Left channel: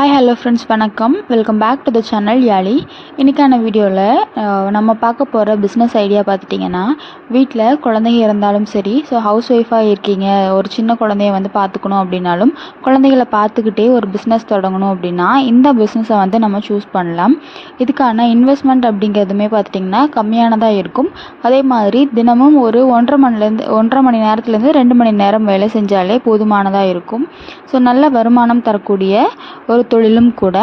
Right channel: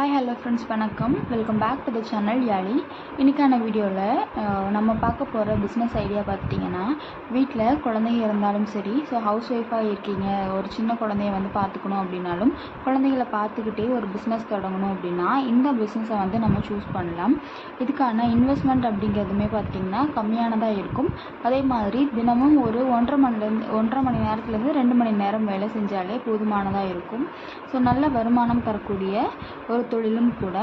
Hi hello friends, வணக்கம். Welcome back to the channel Yazhi. இன்றைக்கான வீடியோவில் நம்ம பார்க்க போகிற பிஸ்னஸ் ஐடியா பார்த்துட்டிங்கன்னா, வீட்டில் குழந்தைங்க இருந்தாலும் சரி, ஸோ ஹவுஸ் ஒய்ஃபாக இருக்கீங்க, ஒரு சின்ன குழந்தைய பார்த்துக்கணும் அப்படின்னாலும், குழந்தைகளை பார்த்துக்கிட்டே ஒரு பிஸ்னஸ் தொடங்கணும் அப்படின்னா இந்த பிஸ்னஸை நம்ம சூஸ் பண்ணலாம். இதுக்கான இன்வெஸ்ட்மெண்ட் அப்படிங்கிறதுமே பார்த்துட்டிங்கன்னா கம்மியானதாக இருக்கும். அதே மாதிரி தினமும் ஒரு 1.5 மணி நேரத்துலேருந்து 2 மணி நேரம் வேலை செஞ்சாலே போதுமானதாக இருக்கும். ஸோ நல்ல வருமானம் தரக்கூடிய ஒரு தொழிலும் கூட.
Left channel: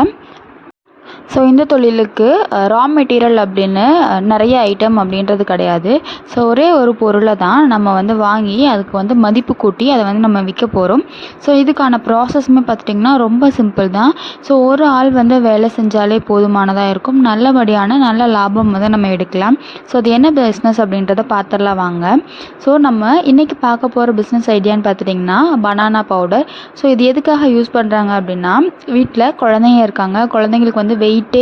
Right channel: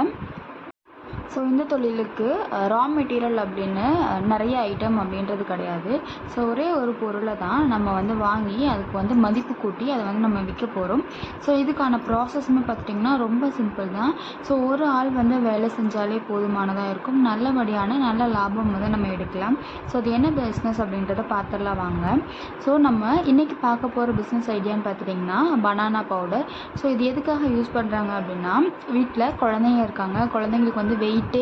ஸோ இந்த தொழிலுக்கு ரா மெட்டீரியல் அப்படின்னு நிறைய ஐட்டம் அப்படின்றது கிடையாது. ஸோ ஒரே ஒரு பொருளை தான் நம்ம வாங்கி அதுக்கு மதிப்பு கூட்டி அதை நம்ம விற்க போகிறோம். ஸோ இதுக்கான ப்ராசஸ்மே பார்த்துட்டிங்கன்னா ரொம்ப சிம்பிள் தான். ஸோ ஒரு ஆள் வேலை செஞ்சாலே போதுமானதாக இருக்கும். நல்ல லாபம் நம்ம எடுக்கலாம். ஸோ அது என்ன பிஸ்னஸ் அப்படின்றத பார்த்துடலாம் வாங்க. ஸோ நம்ம இன்றைக்கி பார்க்க போகிற பிஸ்னஸ் ஐடியான்னு பார்த்துட்டிங்கன்னா பனானா பவுடர். ஸோ இது எதுக்காக யூஸ் பண்ணுறாங்க அப்படின்னா, வீட்டில் குழந்தைங்க இருக்காங்க, குழந்தைங்களுக்கு வெயிட்டே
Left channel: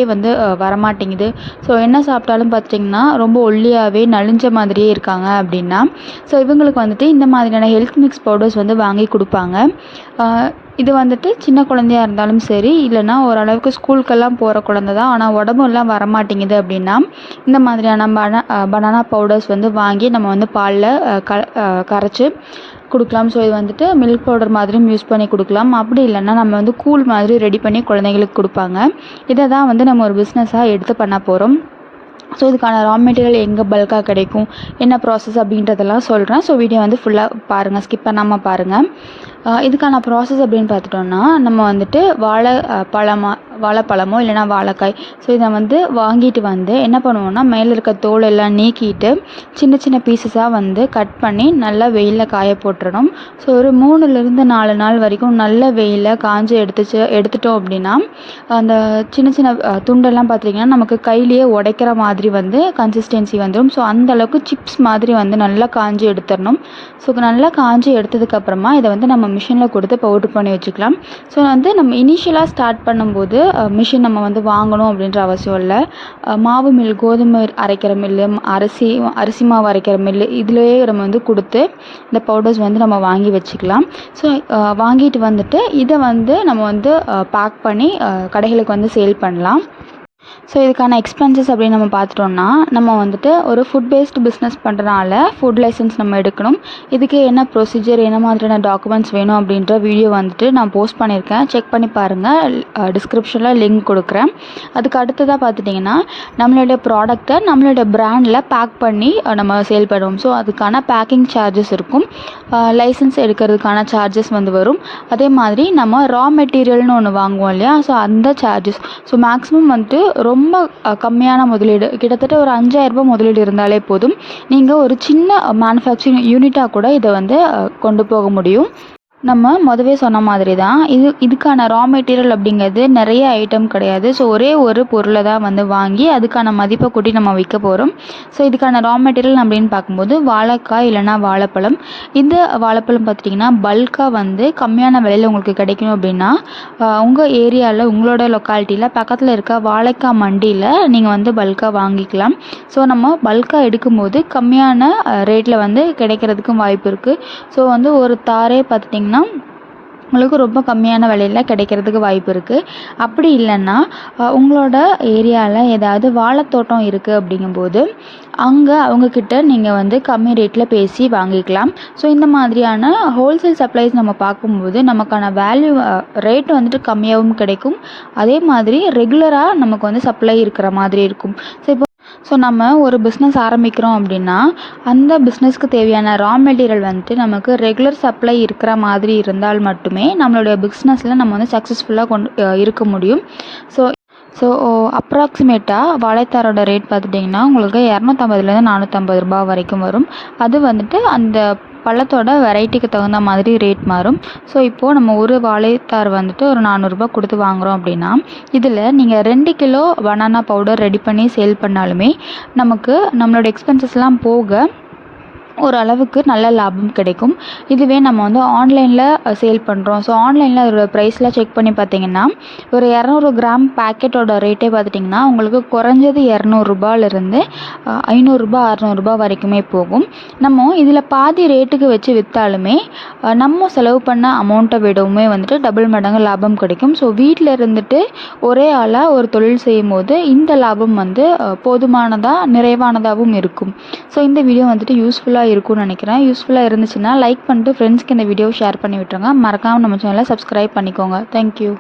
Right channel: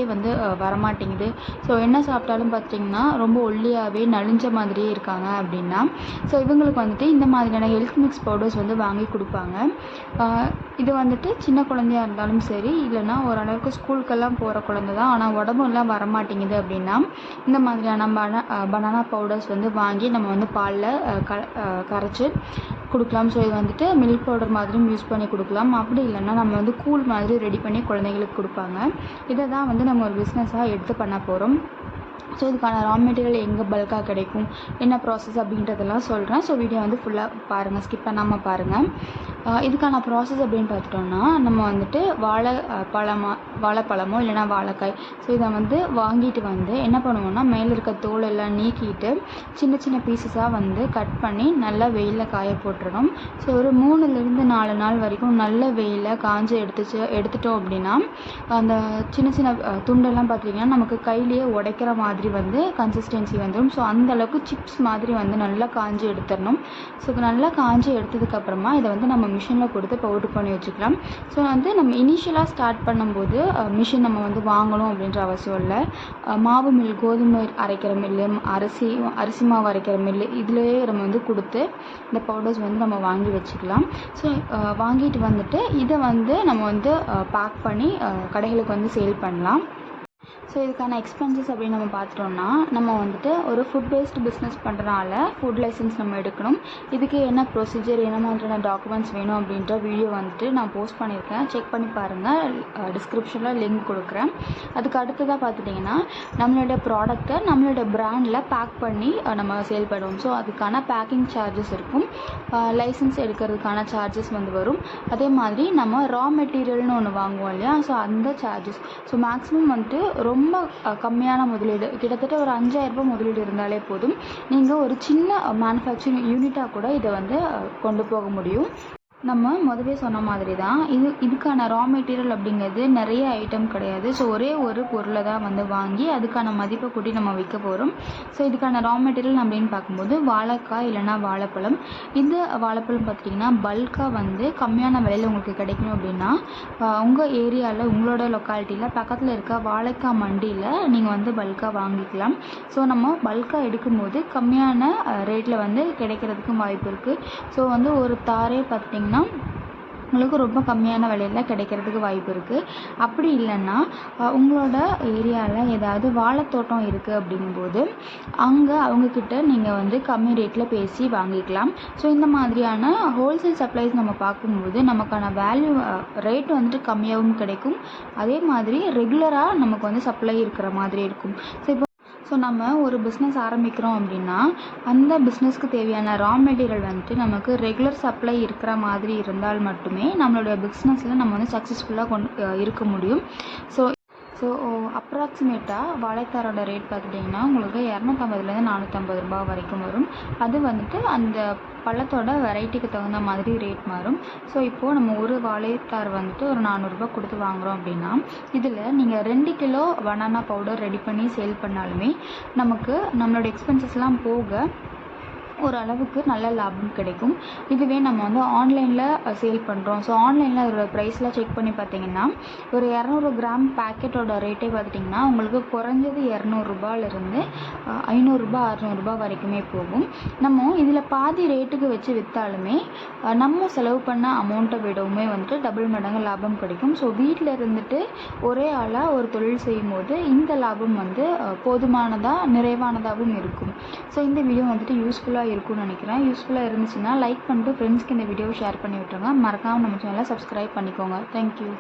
வரமாட்டேங்குது. ஸோ என்ன சாப்பிட்டாலும் பார்த்திங்கன்னா ரொம்ப ஒல்லியாகவே நலிஞ்ச மாதிரியே இருக்காங்க அப்படின்னா, ஸோ இவங்களுக்கு இந்த மாதிரியான ஹெல்த் மிக்ஸ் பவுடர்ஸ் வாங்கி கொடுப்பாங்க. இது சின்ன குழந்தையாக இருந்தாலும் சரி, இல்லைனா ஓரளவுக்கு ஸ்கூலுக்கெல்லாம் போகிற குழந்தை தான், ஆனால் உடம்பெல்லாம் வரமாட்டேங்குது அப்படின்னா, இந்த மாதிரியான பனானா பவுடர்ஸ் வாங்கி நம்ம பாலில் கரைச்சி கொடுக்கலாம். ஸோ இது மில்க் பவுடர் மாதிரியும் யூஸ் பண்ணி கொடுக்கலாம். அப்படி இல்லைன்னா நம்ம கூல் மாதிரி ரெடி பண்ணி குழந்தைங்களுக்கு கொடுப்பாங்க. இதை தான் நம்ம ஒரு பிஸ்னஸாக எடுத்து பண்ண போகிறோம். ஸோ இதுக்கான ரா மெட்டீரியல் எங்கே பல்காக கிடைக்கும், என்ன ப்ராசஸ் அப்படின்றதெல்லாம் சொல்கிறேன். ஸோ வீடியோ ஃபுல்லாக பாருங்கள், ஸ்கிப் பண்ணாமல் பாருங்கள். இதுக்கான ப்ராசஸ் அப்படின்னு பார்த்துட்டோன்னா, நம்ம வாழைப்பழமோ இல்லைனா வாழைக்காய், ஸோ இதை வாங்கிட்டு என்ன பண்ணுவோன்னா, மேலே இருக்க தோல் எல்லாம் நீக்கிட்டு சின்ன சின்ன பீசஸாக கட் பண்ணி நல்லா வெயிலில் காய போட்டுடணும். ஸோ ஒரு 3லேருந்து 4 நாள் வரைக்கும் நல்ல வெயிலில் காஞ்சி எடுத்துட்டோம் அப்படின்னா, அந்த சின்ன சின்ன துண்டெல்லாம் பார்த்திங்கன்னா நமக்கு கையிலேயே உடைக்கிற மாதிரி கன்சிஸ்டன்சி வந்துடும். ஸோ அந்தளவுக்கு சிப்ஸ் மாதிரி நல்லா காஞ்சி எடுத்துடணும். ஸோ நல்லா காஞ்சி எடுத்ததுக்கப்புறமா இதை நம்ம மிஷினில் கொடுத்து பவுடர் பண்ணி வச்சுக்கலாம். ஸோ நம்ம இனிஷியலாக ஸ்டார்ட் பண்ணும்போது மிஷின் நம்ம வாங்கணும் அப்படின்ற அவசியம் இல்லை. மாவு மில், கோதுமை அரைக்கிற மில்லு, அரிசி மாவு அரைக்கிற மில்லு, இதுலேயே நம்ம கொடுத்து இந்த பவுடர்ஸ் நம்ம வாங்கி வச்சுக்கலாம். ஸோ வாங்கிட்டு இதை நம்ம பேக் பண்ணி கடைகளுக்கு சேல் பண்ணலாம். ஸோ இதுக்கான எக்ஸ்பென்சஸ் அப்படின்னு நம்ம பார்த்துட்டோம்னா, நம்ம ஒரு ஃபுட் பேஸ்டு பிஸ்னஸ் பண்ணுறனால ஃபுட் லைசன்ஸ் நம்ம எடுக்கணும். இதுக்கு என்ன ப்ரொசீஜர், என்ன மாதிரியான டாக்குமெண்ட்ஸ் வேணும் அப்படின்ற வீடியோ நான் போஸ்ட் பண்ணியிருக்கேன், செக் பண்ணி பாருங்கள். டிஸ்கிரிப்ஷனில் லிங்க் கொடுக்குறேன். அதுக்கு அடுத்ததாக பார்த்துட்டிங்கன்னா, நம்மளுடைய ப்ராடக்டை நம்மளுடைய பிராண்டில் பேக் பண்ணி நம்ம சேல் பண்ணுவோம். ஸோ அதுக்கான பேக்கிங் சார்ஜஸ் இருக்கும், லைசன்ஸ் எடுக்கிறதுக்கான சார்ஜஸ் வரும். அதே மாதிரி நம்ம ரா மெட்டீரியல்னு ஒன்று வாங்குவோம் இல்லையா, ஸோ அந்த சார்ஜஸ். ஸோ மேக்ஸிமம் ரொம்ப கம்மியான முதலீடு, கிட்டத்தட்ட ஒரு 5000 ரூபாய் முதலீடு இருந்தாலே போதும். நீங்கள் ஒரு சின்ன மேனுஃபேக்சரிங் யூனிட்டாக கூட இதை கொண்டு போக முடியும். நம்ம முதவே சொன்ன மாதிரி தான் இதுக்கான ரா மெட்டீரியல் அப்படிங்கிறது நிறைய ஐட்டம் கிடையாது. ஸோ ஒரே ஒரு பொருளை தான் வாங்கி அதுக்கான மதிப்பை கூட்டி நம்ம விற்க போகிறோம். ஸோ இதுக்கான ரா மெட்டீரியல் அப்படின்னு பார்க்கும்போது வாழைக்காய் இல்லைனா வாழைப்பழம். இந்த வாழைப்பழம் பார்த்துட்டிங்கன்னா பல்காக கம்மியான விலையில் உங்களுக்கு கிடைக்கணும் அப்படின்னா, உங்கள் ஏரியாவில் உங்களோட லொக்காலிட்டியில் பக்கத்தில் இருக்க வாழைக்காய் மண்டியில் நீங்கள் பல்காக வாங்கிக்கலாம். ஸோ நம்ம பல்காக எடுக்கும்போது கம்மியான ரேட்டில் கிடைக்கிறதுக்கும் வாய்ப்பு இருக்குது. ஸோ ஒரு தாரே பார்த்துட்டிங்கன்னா உங்களுக்கு ரொம்ப கம்மியான விலையில் கிடைக்கிறதுக்கு வாய்ப்பு இருக்குது. அப்படி இல்லைன்னா உங்களோட ஏரியாவில் ஏதாவது வாழைத்தோட்டம் இருக்குது அப்படிங்கும்போது அங்கே அவங்கக்கிட்ட நீங்கள் கம்மி ரேட்டில் பேசி வாங்கிக்கலாம். ஸோ இந்த மாதிரியான ஹோல்சேல் சப்ளைஸ் நம்ம பார்க்கும்போது நமக்கான வேல்யூ ரேட் கம்மியாகவும் கிடைக்கும். அதே மாதிரி ரெகுலராக நமக்கு சப்ளை இருக்கிற மாதிரி இருக்கும். ஸோ நம்ம ஒரு பிஸ்னஸ் ஆரம்பிக்கிறோம் அப்படின்னா, அந்த பிஸ்னஸ்க்கு தேவையான ரா மெட்டீரியல் நமக்கு ரெகுலர் சப்ளை இருக்கிற மாதிரி இருந்தால் மட்டுமே நம்மளுடைய பிஸ்னஸில் நம்ம சக்ஸஸ்ஃபுல்லாக இருக்க முடியும். ஸோ அப்ராக்சிமேட்டாக வாழைத்தாரோட ரேட் பார்த்துட்டிங்கன்னா உங்களுக்கு 250லேருந்து 450 ரூபாய் வரைக்கும் வரும். அது அந்த பழத்தோட வெரைட்டிக்கு தகுந்த மாதிரி ரேட் மாறும். ஸோ இப்போது நம்ம ஒரு வாழைத்தார் ஒரு 400 ரூபாய் கொடுத்து வாங்குகிறோம் அப்படின்னா, இதில் நீங்கள் 2 கிலோ பனானா பவுடர் ரெடி பண்ணி சேல் பண்ணாலுமே நமக்கு நம்மளோட எக்ஸ்பென்சஸ்லாம் போக ஓரளவுக்கு நல்ல லாபம் கிடைக்கும். இதுவே நம்ம வந்து ஆன்லைனில் சேல் பண்ணுறோம். ஸோ ஆன்லைனில் அதோட ப்ரைஸ்லாம் செக் பண்ணி பார்த்தீங்கன்னா ஒரு 200 கிராம் பேக்கெட்டோட ரேட்டே பார்த்துட்டிங்கன்னா உங்களுக்கு குறைஞ்சது ரூ. 200லேருந்து ரூ. 500 600 வரைக்குமே போகும். நம்ம இதில் பாதி ரேட்டுக்கு வச்சு விற்றாலுமே நம்ம செலவு பண்ண அமௌண்ட்டை விடவுமே வந்துட்டு டபுள் மடங்கு லாபம் கிடைக்கும். ஸோ வீட்டில் இருந்துட்டு ஒரே ஆளாக ஒரு தொழில் செய்யும்போது இந்த லாபம் வந்து போதுமானதாக நிறைவானதாகவும் இருக்கும். ஸோ இந்த வீடியோ வந்துட்டு யூஸ்ஃபுல்லாக இருக்கும்னு நினைக்கிறேன். யூஸ்ஃபுல்லாக இருந்துச்சுன்னா லைக் பண்ணிட்டு ஃப்ரெண்ட்ஸ்க்கு இந்த வீடியோவை ஷேர் பண்ணி விட்டுருங்க. மறக்காமல் நம்ம சேனலை சப்ஸ்கிரைப் பண்ணிக்கோங்க. தேங்க்யூ.